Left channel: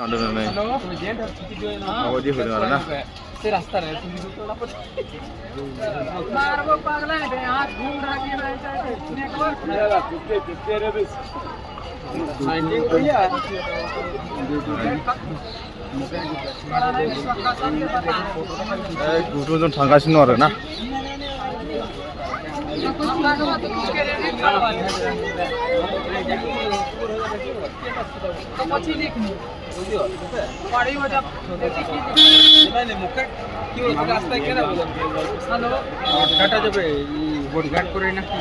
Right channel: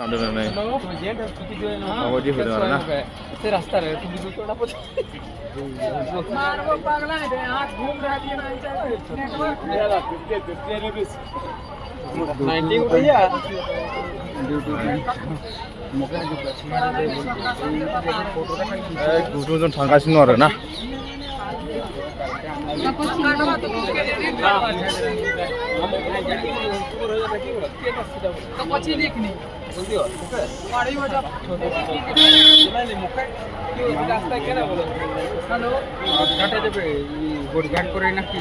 नहीं अवधि हो रहा ना मारबो पागला है हाथ घूम रहा है नेटवर्क गुदुंजों थांगासिनो आरो ना तो पछि देखनी पढ़ी हो जब रास्ता केना बोल हेलो काटा जबे गोडघाट करे ना की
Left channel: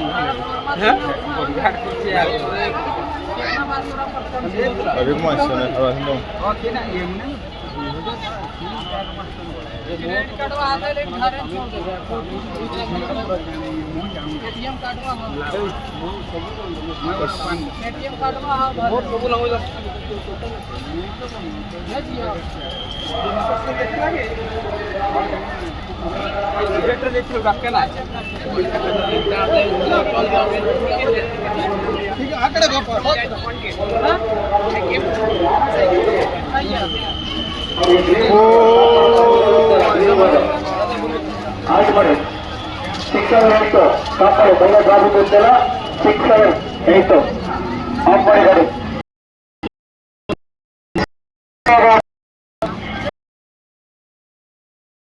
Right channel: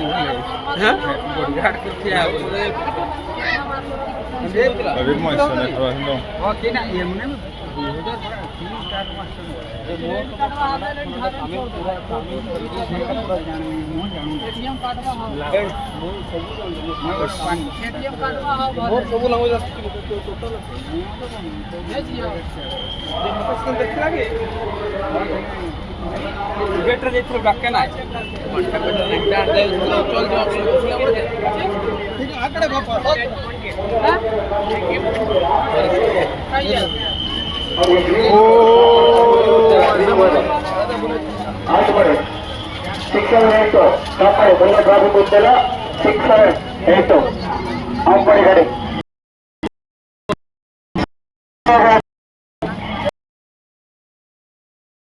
गोडघाट के अरे मानसिया ने थागासिनो दं हां केना एमने एटीएम कार्डवा एटीएम कार्डवा मोर सब लंगो देख लागे बेटर जेथि बाके ना ठीक आकड़े बाप शिक्षण तो शिक्षण 8 अंबड़ी गाड़ी